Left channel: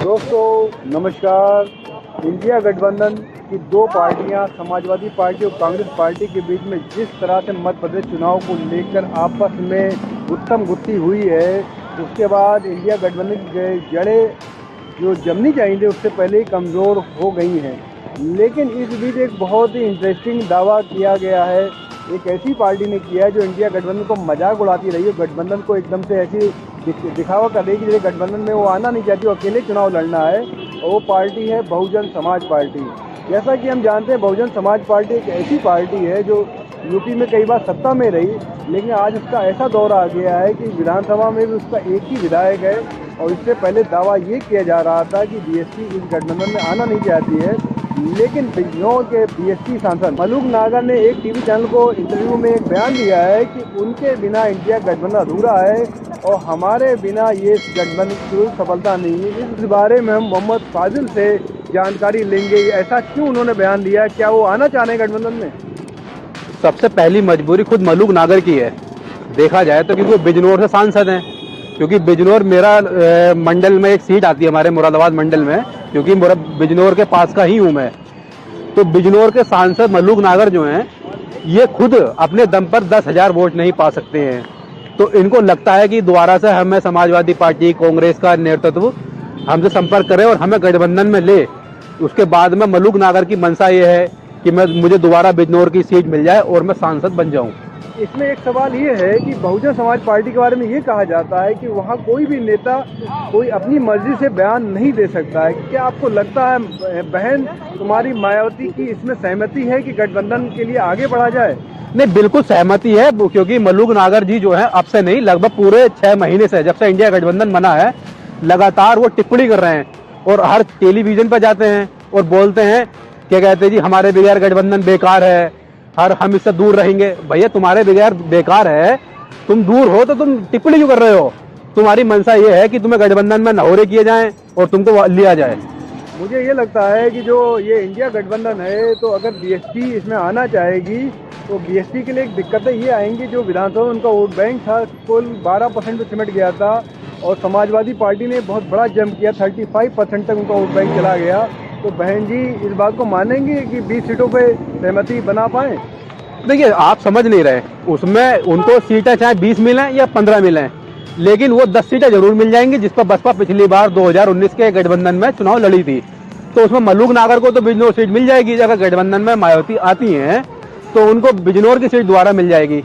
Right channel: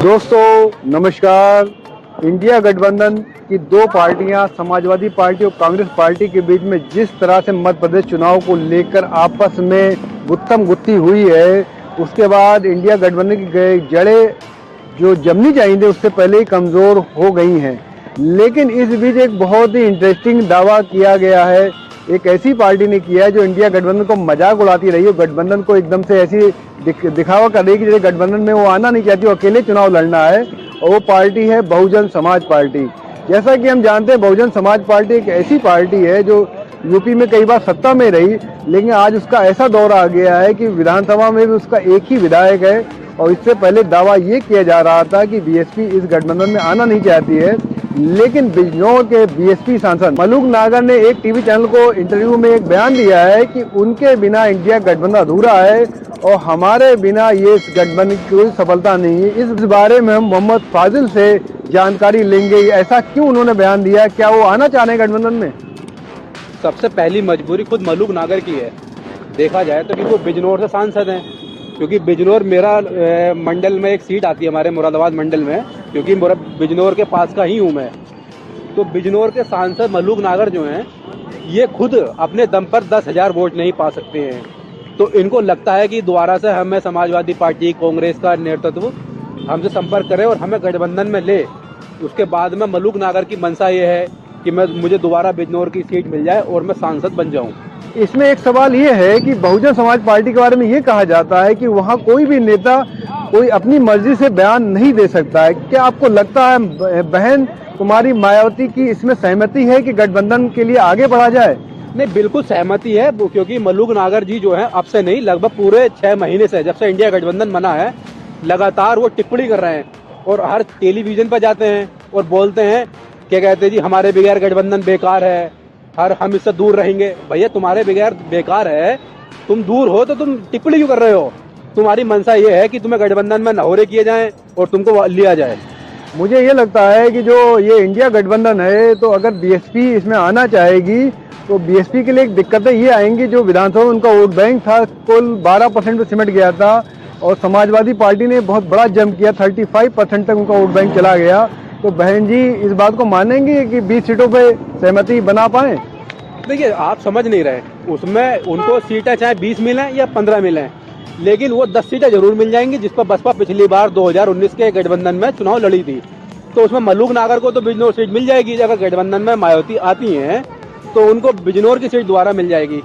दोस्तों नमस्कार। इंडिया गठबंधन की दो पार्टियां समाजवादी पार्टी और कांग्रेस पार्टी के बीच में जिस तरह से मध्य प्रदेश चुनाव को लेकर आपस में गुत्थम गुत्थी हुई है, उसके बाद इंडिया गठबंधन की जड़ें जो जमनी चाहिए थी उससे पहले ही कमज़ोर हो गई हैं। लेकिन इस बीच एक बहुत ही इंटरेस्टिंग दावा किया गया है, एक ऐसी पार्टी ने किया है जो इंडिया गठबंधन को मजाक उड़ाती रही है, गठबंधन को एकदम से ऐसी दिखावा कर रही है कि जैसे गठबंधन में वो आना नहीं चाहती, वो अकेले चुनाव लड़ना है। और वो पार्टी है बहुजन समाज पार्टी। जैसा कि हम जानते हैं बहुजन समाज पार्टी एक ऐसी पार्टी है जो यूपी में कई बार सत्ता में रही, लेकिन आज उसका ऐसा दौर आ गया है कि विधानसभा में भी उसका एक ही विधायक है। और इससे पहले दावा ये किया जा रहा था कि बीएसपी इस गठबंधन में आना नहीं चाहती है, लेकिन बिजनौर के बीएसपी सांसद मलूक नागर ने एक टीवी चैनल को इंटरव्यू में एक बयान दिया है कि उनके बिना इंडिया गठबंधन अधूरा है और हमारे बिना ये गठबंधन की कोई सफलता नहीं है। इस बारे में हम मोहम्मद फाजिल से जानकारी लेंगे, ऐसा क्यों उन्होंने बयान दिया है, क्या वो आना चाह रहे हैं गठबंधन में। सबसे पहली मजबूरी खुद मलूक नागर की है, देखा जाए तो, क्योंकि वो बिजनौर से सांसद हैं। क्योंकि बिजनौर मेरा मंडल में एक सीट आती है, हमारे मुरादाबाद मंडल में, क्योंकि बिजनौर के पास का ही हूँ मैं। तो बिजनौर के सांसद मलूक नागर जो हैं, ये खुद अपने दम पर 10,000 वोट नहीं पा सकते हैं। तो इनको लगता है कि दोबारा से हमें समाजवादी पार्टी कांग्रेस का नेतृत्व हमसे संपर्क करें और हमें गठबंधन में ले। उसके बाद में मलूक नागर की मंशा ये है कि मुझे दोबारा बिजनौर की सीट मिल जाए और मैं सांसद बन जाऊं। इसमें एक सवाल ये है कि बहुजन समाज पार्टी के बारे में ये कहा जाता है कि वहाँ कोई भी नेता कोई अपनी मर्जी से बयान नहीं दे सकता है। क्या आपको लगता है बहन कुमारी मायावती की इसमें सहमति है कि गठबंधन के लिए आगे बढ़ा जाए? नहीं, बिल्कुल सहमति है, क्योंकि मलूक नागर जी जो है अब से नहीं, लगभग पूरे 6 महीने से, जब से इंडिया गठबंधन बना है, लगातार वो टिप्पणी कर रहे हैं और हर टेलीविजन पर जाते हैं और बोलते हैं, क्या कहते हैं जी, हमारे बगैर गठबंधन बेकार है, हम इससे दूर रहेंगे। भैया तुम्हारे बगैर बेकार है, तुम दूर हो तो तुम टिप्पणी क्यों कर रहे हो? तुम्हारी मंशा ये है कि तुम्हें गठबंधन में नहोरे किए जाएं और तुमको लिया जाए। मुझे ये लगता है कि जो ये इंडिया गठबंधन है, तो अगर बीएसपी इसमें आना चाहेगी तो बीएसपी के लिए एक दिक्कतें ये आएंगी, जो विधानसभा में उनका वोट बैंक था कुल 12% में सिमट गया था और समाजवादी पार्टी ने बहुत बड़ा जंप किया, 35% तक उनका वोट बैंक चला गया। तो बहन जी इस बात को मानेंगे कि 20 सीटों पे सहमति बना पाए? देखिए, आप समझ नहीं रहे, उसमें उनको सीटें चाहे 20 मिलें या 15 मिलें, लेकिन वो 10 सीटें जरूर मिल जाएंगी, जिस पर बसपा पिछली बार 2019 के गठबंधन में चुनाव लड़ी थी। तो उसमें मलूक नागर को तो बिजनौर सीट मिल जाएगी। अगर गठबंधन में मायावती आती हैं तो उनको बिजनौर की सीट दोबारा मिल जाएगी।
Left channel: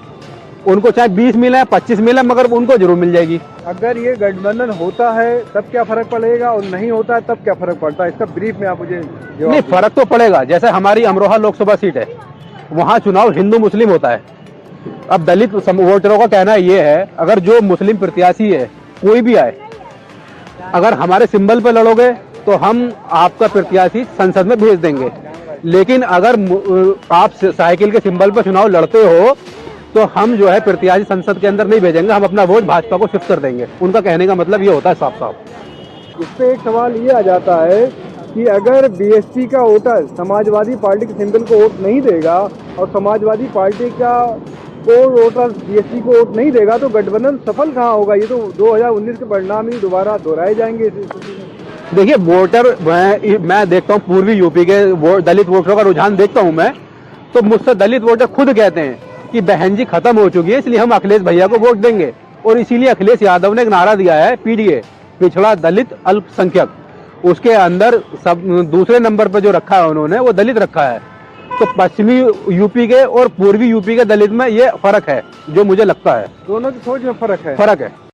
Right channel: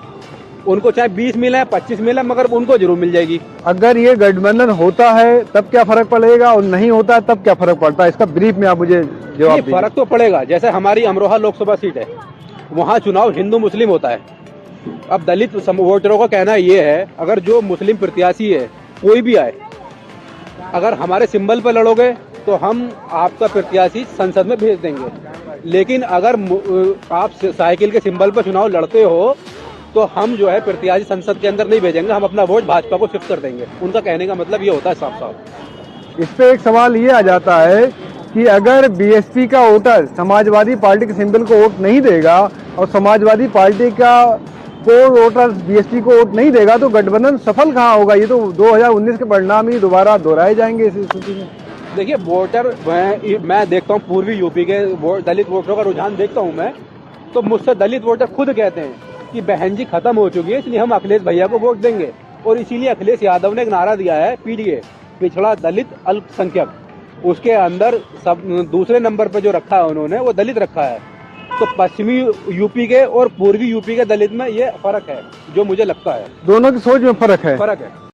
उनको चाहे 20 मिले 25 मिले, मगर उनको जरूर मिल जाएगी। अगर ये गठबंधन होता है तब क्या फर्क पड़ेगा और नहीं होता तब क्या फर्क पड़ता है? इसका ब्रीफ में आप मुझे जवाब दीजिए। फर्क तो पड़ेगा। जैसे हमारी अमरोहा लोकसभा सीट है, वहाँ चुनाव हिंदू मुस्लिम होता है। अब दलित वोटरों का कहना ये है, अगर जो मुस्लिम प्रत्याशी है कोई भी आए, अगर हमारे सिंबल पे लड़ोगे तो हम आपका प्रत्याशी संसद में भेज देंगे। लेकिन अगर आप साइकिल के सिंबल पे चुनाव लड़ते हो तो हम जो है प्रत्याशी संसद के अंदर नहीं भेजेंगे, हम अपना वोट भाजपा को शिफ्ट कर देंगे। उनका कहने का मतलब ये होता है साफ साफ। इस पे एक सवाल ये आ जाता है कि अगर बीएसपी का वोटर समाजवादी पार्टी के सिंबल को वोट नहीं देगा और समाजवादी पार्टी का कोई वोटर बीएसपी को वोट नहीं देगा तो गठबंधन सफल कहाँ होगा? ये तो 2019 के परिणाम ही दोबारा दोहराए जाएंगे इस स्थिति में। देखिए, वोटर मैं देखता हूँ, पूर्वी यूपी के दलित वोटरों का रुझान देखता हूँ मैं, तो मुझसे दलित वोटर खुद कहते हैं कि बहन जी खत्म हो चुकी है, इसलिए हम अखिलेश भैया को वोट देंगे। और इसीलिए अखिलेश यादव ने एक नारा दिया है, पीडीए, पिछड़ा दलित अल्पसंख्यक। उसके अंदर सब दूसरे नंबर पर जो रखा है उन्होंने, वो दलित रखा है। तो पश्चिमी यूपी के और पूर्वी यूपी के दलित में ये फर्क है, जो मुझे लगता है। दोनों की सोच में फर्क है।